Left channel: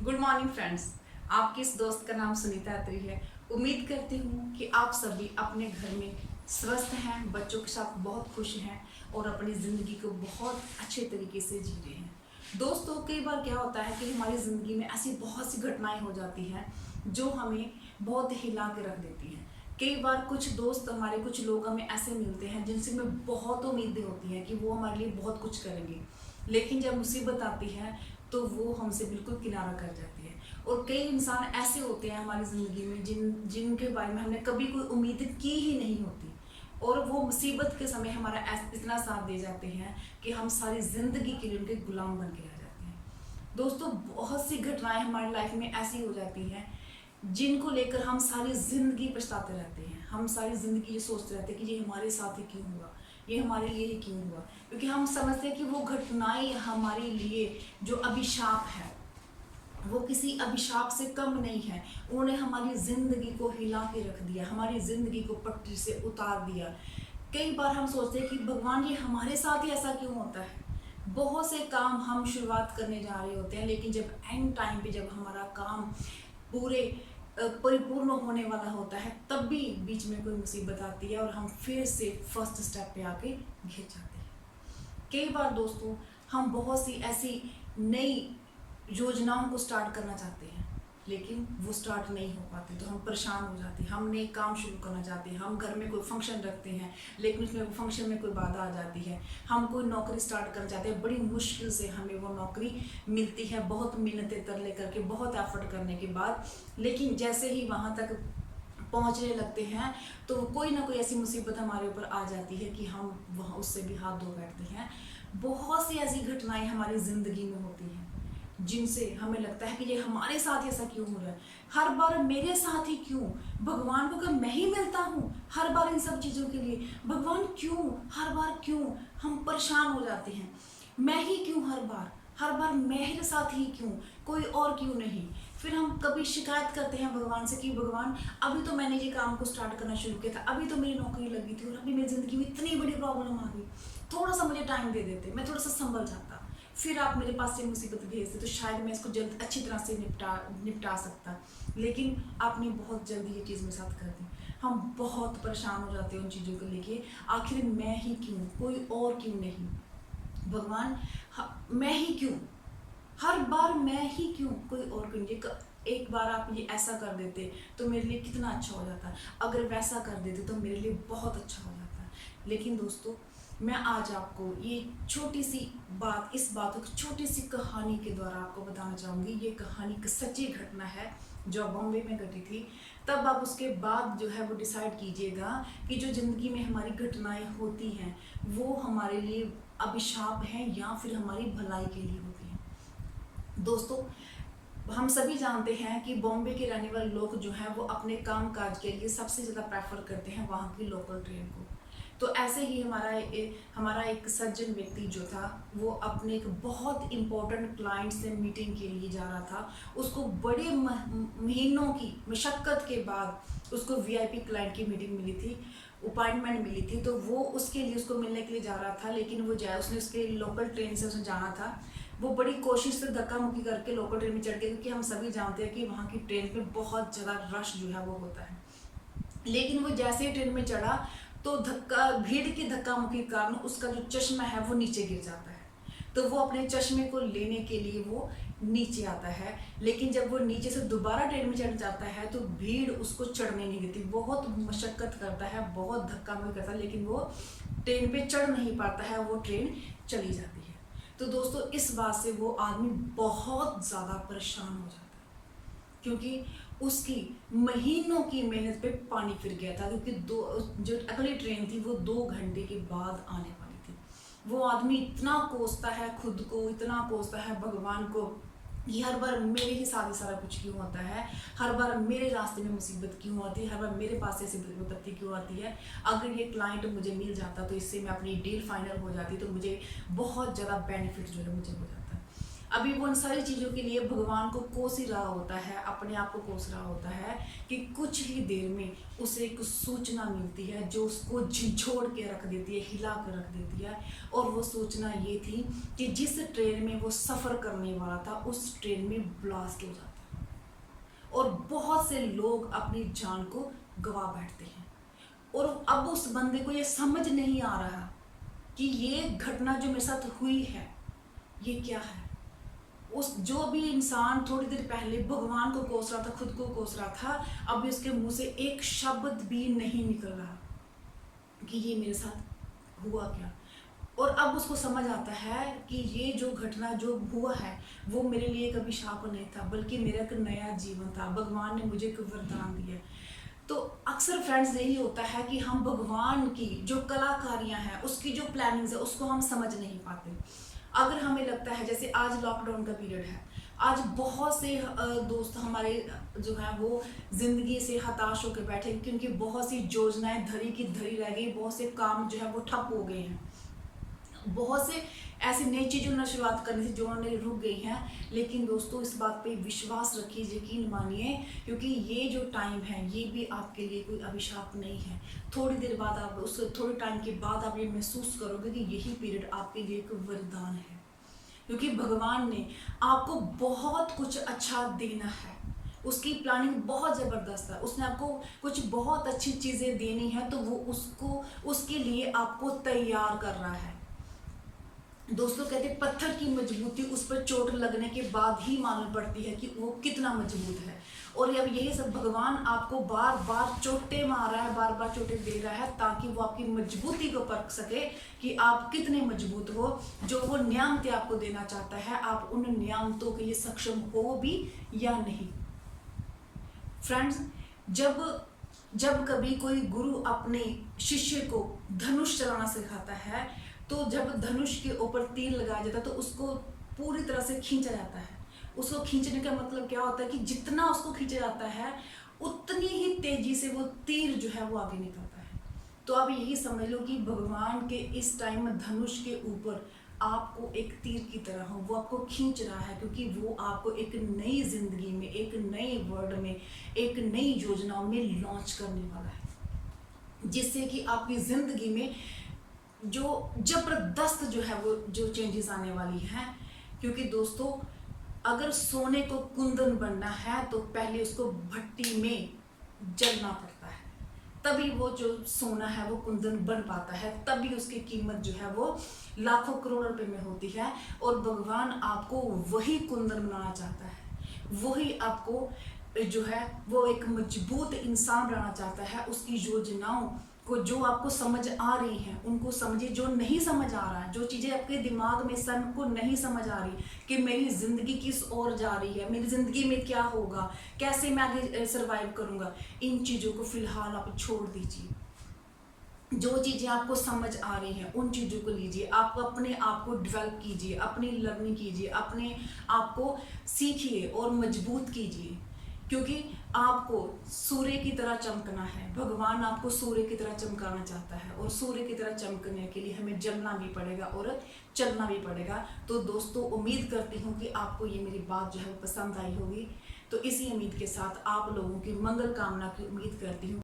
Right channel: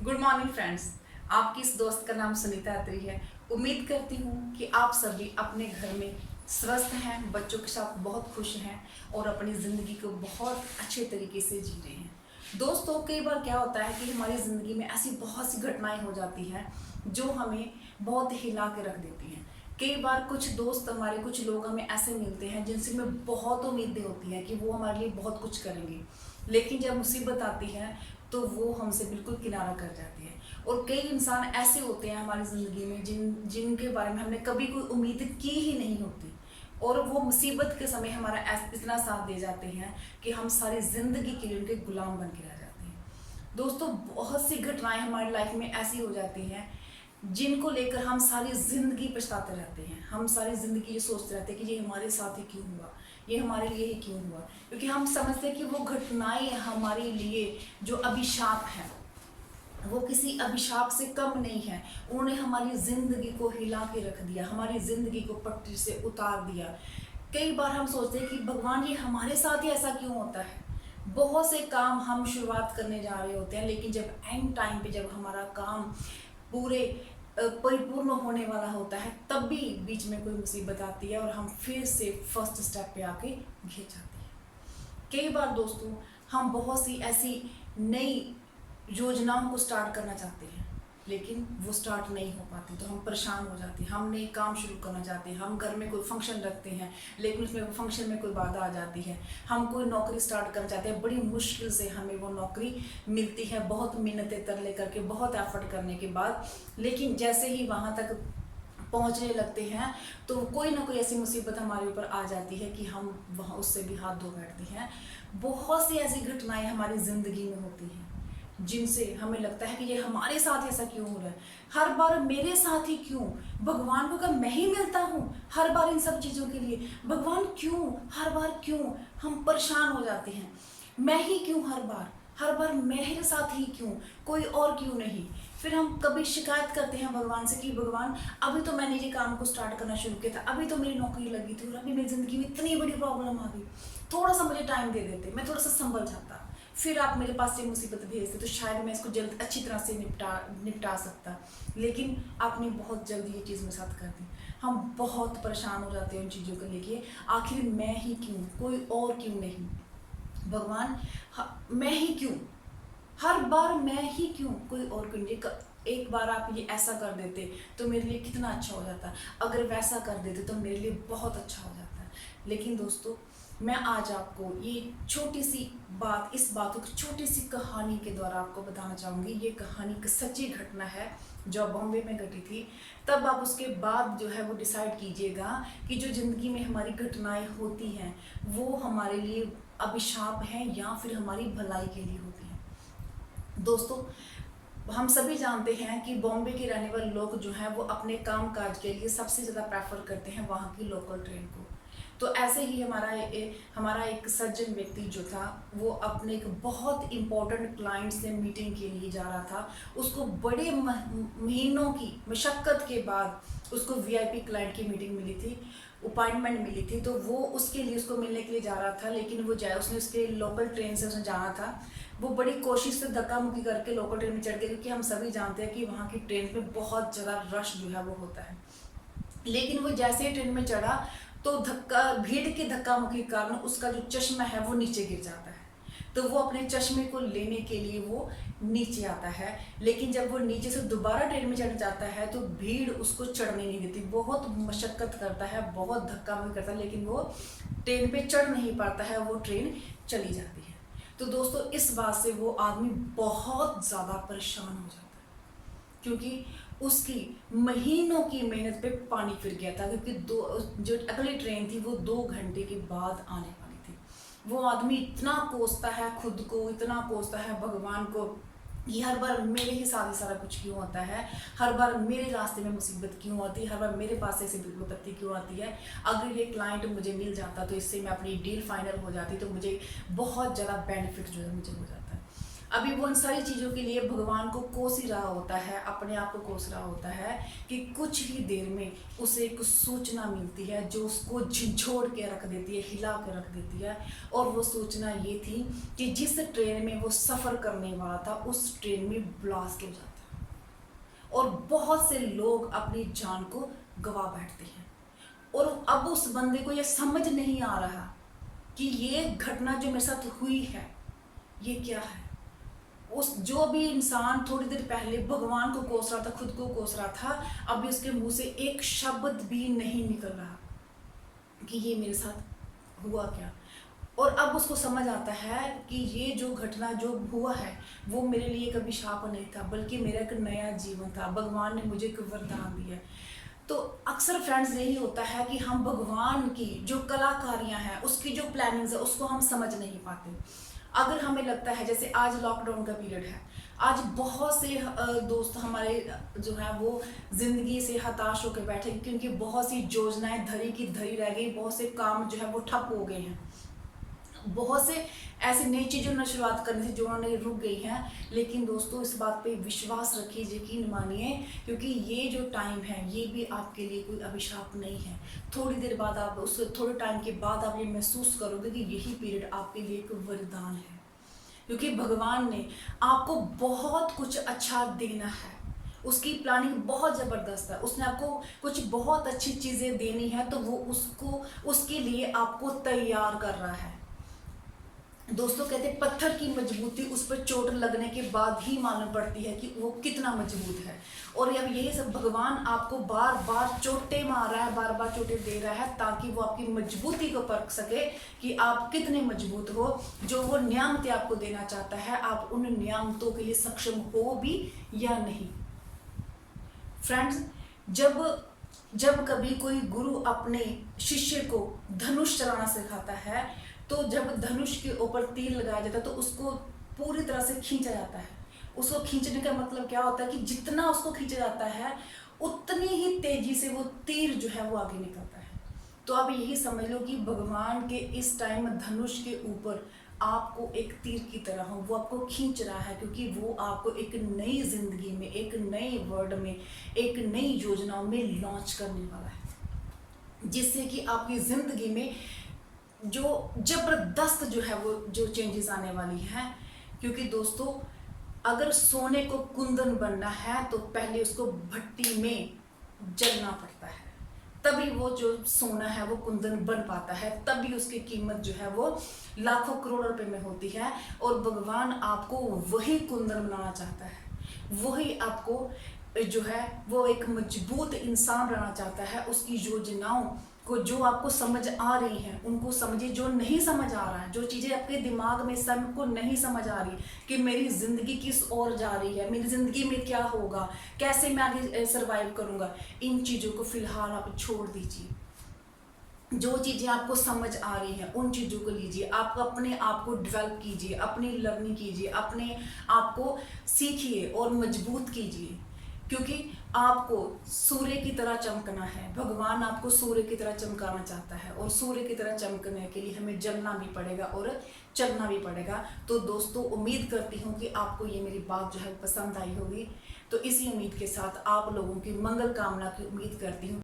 Good morning friends. आपकी इस दोस्त का नाम सुनीता अत्री है। उम्मीद करती हूँ कि आप सभी अपने घर में स्वस्थ हैं, बच्चों के साथ बहुत खुश हैं और अपनी ज़िंदगी को बहुत अच्छे तरीके से जी रहे हैं। दोस्तों, कई बार क्या होता है कि हमारी ज़िंदगी में ऐसी बहुत सी घटनाएं हो जाती हैं जो हमें बहुत हिला के रख देती हैं। कई बार कुछ दोस्त हमारे, कुछ लोग हमें ऐसे मिलते हैं जिनसे हमें बहुत उम्मीदें होती हैं कि वो हमारे लिए बहुत कुछ करेंगे, लेकिन जब मुसीबत आती है तो वो हमसे बिल्कुल किनारा कर जाती है। और कई इंसान ऐसे होते हैं हमारी ज़िंदगी में जिनके बारे में हमने कभी कोई उम्मीद की ही नहीं होती, और वो मुसीबत के समय हमारा इतना साथ दे जाते हैं कि हम सारी ज़िंदगी के लिए उनके गुलाम बन के रह जाते हैं। दोस्तों, बहुत सी घटनाएं हमारी लाइफ में ऐसी हो जाती हैं जिनको लेकर हम सारी ज़िंदगी पछताते रहते हैं। हम सारी ज़िंदगी ये सोचते रहते हैं कि ये हमारे साथ ही क्यों हुआ, ये हमारे लिए ही क्यों हुआ, क्योंकि हम समझते हैं कि वो घटनाएं हमारे लिए जो अभिशाप है वो किसी अभिशाप से कम नहीं है। उन्होंने हमारी ज़िंदगी को हिला के रख दिया, हमारी ज़िंदगी को पटरी से उतार दिया। कई बार हम सोचते हैं कि भगवान, ये हमारे साथ ही ऐसा क्यों होता है। बहुत से काम हम शुरुआत करने जा रहे होते हैं, लेकिन जब एंड टाइम पे जब हमारा काम पूरे परिपूर्ण होने वाला होता है, तब भी बीच में कोई मुसीबत आती है और हम फिर से फर्स्ट स्टेप पे आके घिर जाते हैं। कई बार दोस्तों, हम बहुत सी ऐसी नई योजनाओं को स्टार्ट करना चाहते हैं, लेकिन वो स्टार्ट नहीं हो पाती, तो हम परेशान हो जाते हैं। हम नए काम शुरू करना चाहते हैं, हम घर में कोई फंक्शन रखते हैं, लेकिन उसमें फंक्शन में कोई बाधा आ जाती है। हम कोई नौकरी स्टार्ट करना चाहते हैं, बड़ी मुश्किल से हमें वो नौकरी मिलती है, बहुत मिन्नतें तरले करके, बहुत एफर्ट करने के बाद, लेकिन जैसे ही वहाँ तक पहुँचने लगते हैं तो कोई ना कोई ऐसी मुसीबत हमारे ऊपर आ जाती है कि हम वहाँ उससे भी हाथ धो बैठते हैं। बहुत सी ऐसी घटनाएं हमारी ज़िंदगी में होती हैं जिनसे हमें लगता है कि ये हमारे साथ ऐसा क्यों हो रहा है, हर बार मेरे साथ ही क्यों। भगवान को क्या मैं ही मिलता हूँ हर बार इन सब चीज़ों के लिए? भगवान क्यों, हर बार क्यों? हम परेशान हो जाते हैं। मैं ही क्यों, हर बार मेरे साथ ही क्यों, कोई और क्यों नहीं। फिर हम कभी शिकायत करते हैं भगवान से कि भगवान, अभी तो मैंने ये काम को स्टार्ट करना शुरू किया था, अभी तो मेरी नौकरी लगी थी और अभी मेरी ज़िंदगी में इतनी बड़ी प्रॉब्लम आ गई, थोड़ा सा मुझे टाइम दे देते, मैं थोड़ा सा संभल जाता, फिर आप मेरे पास ये मुसीबत भेजते तो शायद मैं इसको जल्द अच्छी तरह से निपटा सकता। लेकिन आपने बहुत जल्दी ये चीज़ मेरे साथ कर दी। हम बहुत परेशान हो जाते हैं उन चीज़ों को लेके। आखिर मैं ही क्यों, कोई और क्यों नहीं। भगवान, मैं ही क्यों, हर बार मैं ही क्यों, कोई और क्यों नहीं। एक बार आप ये ऐसा कर देते तो मेरे लिए कितना अच्छा हो जाता, अगर वैसा कर देते तो मेरे लिए बहुत अच्छा हो जाता। लेकिन दोस्तों, मैं आज आपको ये छोटी सी बात, इस बात को छोटी सी कहानी के द्वारा आपको बताना चाहूँगी। ये कहानी एक सच्ची घटना है जो बॉम्बे में घटी थी। तब आप उसके बाद जो है वो डिसाइड कीजिएगा कि जो ज़िंदगी में हमारी घटनाएं होती हैं वो हमारे लिए अभिशाप हैं या फिर हमारी भलाई के लिए होती हैं। दोस्तों, हम सभी जानते हैं कि बॉम्बे के रहने वाले लोग जो हैं वो अपने काम काज के लिए सबसे ज़्यादा प्रेफर करते हैं वहाँ की लोकल ट्रेन को। तो ऐसे ही हमारा एक सज्जन व्यक्ति जो था वो अपने एक बहुत इम्पोर्टेंट क्लाइंट से मीटिंग के लिए जा रहा था। उसको बड़े महीनों की मशक्क़त के बाद उसको वीआईपी क्लाइंट की मीटिंग मिली थी, अपॉइंटमेंट मिली थी, तो वो उसके लिए, उसको मिलने के लिए जा रहा था। लेकिन वो उसने उसके लोकल ट्रेन से उसने जाना था। वो बड़ी कोशिश से धक्का मुक्की करके लोकल ट्रेन में चढ़ गया, क्योंकि हम सभी जानते हैं कि वहाँ की ट्रेन में बहुत ज़्यादा रश जो है वो होता है। लेकिन वो जैसे ही ट्रेन में चढ़ा तो भीड़ के धक्का मुक्की के कारण उसका जो चश्मा है वो नीचे गिर जाता है। तो वो अपने चश्मे को लेने के लिए वो नीचे आता है, लेकिन जब वो नीचे से दोबारा ट्रेन में चढ़ जाता है तो भीड़ उसको चढ़ने नहीं देती, बहुत मशक्क़त करता है, बहुत धक्का मुक्की करता है, लेकिन वो ट्रेन पे चढ़ नहीं पाता है, वो ट्रेन चली जाती है। तो दोस्तों, इस बात से वो आदमी बहुत ज़्यादा परेशान हो जाता है, क्योंकि उसकी महीनों की मेहनत पे पानी फिर गया था, क्योंकि जो अगली ट्रेन थी वो 2 घंटे के बाद आने वाली थी। वो आदमी इतना कोसता है खुद को, इतना कोसता है भगवान को कि हर बार मेरे ही साथ ही सारा कुछ क्यों होता है, हर बार मेरे रास्ते में मुसीबत क्यों आती है, हर बार मेरे पास ऐसी विपत्ति क्यों आती है। अगर ये क्लाइंट मुझे मिल जाता तो इससे मैं अपनी डील फाइनल हो जाती, तो मुझे बहुत ज़्यादा बेनिफिट जो है मुझे हो जाता है। अभी वो उन सारी चीज़ों के लिए भगवान को कोस ही रहा होता है, अपने आप को कोस रहा होता है कि कुछ ही देर में उसे एक सूचना मिलती है जो उसको झिझोड़ के रख देती है, हिला कर रख देती है। और वो सूचना ये थी कि जिस ट्रेन में वो सफ़र करने वाला था उस ट्रेन में ब्लास्ट हो जाता है और बहुत से लोग अपनी जान को गवा बैठते हैं। और अब उस बंदे को ये समझ नहीं आ रहा कि ये घटना जो मेरे साथ हुई है ये क्या है। उस जो भी इंसान थोड़ी देर पहले भगवान को कोस रहा था, खुद को कोस रहा था, अभी उसके मुंह से एक शब्द भी नहीं निकल रहा कि ये मेरे साथ हुआ क्या। और अब उसको समझ आता है कि ये जो घटना जो हुआ है वो मेरे लिए कभी शाप नहीं था, बल्कि मेरा एक नया जीवन था। भगवान ने मुझे एक वरदान दिया। तो अक्सर फ्रेंड्स यही होता है कि हम भगवान की जो कलाकारियाँ हैं, उसकी जो प्लानिंग्स है, उसको हम समझ नहीं पाते। अगर हमें लगता है, जैसे आज लॉकडाउन का पीरियड है, आज बहुत से दोस्त हमारे जो हैं वो ज़िंदगी से हताश होकर बैठे, क्योंकि बहुत सी योजनाएं धरी की धरी रह गई, बहुत से काम जो है वो ठप हो गए हैं, बहुत से ऐसी नई चीज़ों ने शुरुआत करनी थी जो उन्होंने रुक गई हैं। लेकिन दोस्तों, इस बात पे विश्वास रखिए, यकीन मानिए, क्योंकि ये जो टाइम है ये भी आपके लिए कोई अभिशाप नहीं है। थोड़ी देर बाद आप उस थोड़े टाइम के बाद आप ये महसूस करोगे कि यही पीरियड आपके लिए एक वरदान है, क्योंकि भगवान ने आपको बहुत कुछ अच्छा देना है। उसकी प्लानिंग बहुत ज़बरदस्त है, उसने आपको कुछ बहुत अच्छी चीज़ें देनी है, तो वो उसके लिए आपको तैयार कर रहा है। दोस्तों, कहते हैं पत्थर की मजबूती उस पर चोट लगने के बाद ही मालूम पड़ती है कि वो कितना मजबूत है। और अब यही सब भगवान आपको बार बार चोटें मार रहा है, बार बार चोटें दे रहा है, ताकि वो आपकी मजबूती को परख सके कि आप कितने मजबूत हो। जो वो नियामतें आपको देना चाहता है, आप उन नियामतों के लिए सक्षम हो भी या नहीं। फ्रेंड्स, जब कभी कोई गुरु अपने शिष्य को धनुष चलाना सिखाता है, तो जब धनुष के ऊपर तीर लगाया जाता है तो उसको पूरी तरह से खींचा जाता है। उसको खींचने का मतलब क्या होता है कि जितना उसको खींचा जाता है उतनी ही तेजी से वो तीर जो है वो आगे निकलता है। तो आप यही समझ लो कि भगवान के इस टाइम धनुष के ऊपर आपको एक तीर की तरह हो, वो आपको खींच रहा है, क्योंकि वो आपको एक नई जिंदगी में, एक नए वर्ल्ड में, एक नई योजनाओं में लॉन्च करने वाला है, जिससे कि आपकी ज़िंदगी में जो ज़बरदस्त जो है वो जो चेंजेस आने वाली हैं। क्योंकि दोस्तों, अगर सोने को कुंदन बनना है तो पहले उसको भट्टी में जलना पड़ता है, तभी वो जो सोना है वो कुंदन बन पाता है, तभी उसकी कीमत जो है वो लाखों करोड़ रुपए में होती है। और भगवान आपको वही कुंदन बनाना चाहता है, वही आपको जो है वो एक मजबूत इंसान बनाना चाहता है। उसकी योजनाओं को जो आपको समझ आ रही हैं उनको समझिए, जो नहीं समझ आ रहा है, जो चीज़ें आपके दिमाग में सन को नहीं समझ आ रही कि मेरी ज़िंदगी किस ओर जा रही है, मेरी ज़िंदगी में क्या होगा, कैसे मैं आगे सर्वाइव करूँगा, इन चीज़ों को फ़िलहाल आप छोड़ दीजिए। जो चीज़ें आपको समझ आ रही हैं उन चीज़ों को लीजिए, आप अपने आप को डेवलप कीजिए, अपनी लर्निंग कीजिए, अपने आप को सीखिए और मजबूत कीजिए, क्योंकि आपको सूर्य की तरह चमकना है। भगवान आपको सूर्य की तरह चमकाना चाहता है, और सूर्य की तरह चमकने के लिए हमें जलना भी पड़ेगा और चलना भी पड़ेगा। तो दोस्तों, उम्मीद करती हूँ कि आपको ये मेरी बात जो है वो पसंद आई होगी। तो इसी उम्मीद के साथ आप लोगों की मंगल कामना की उम्मीद करती हूँ।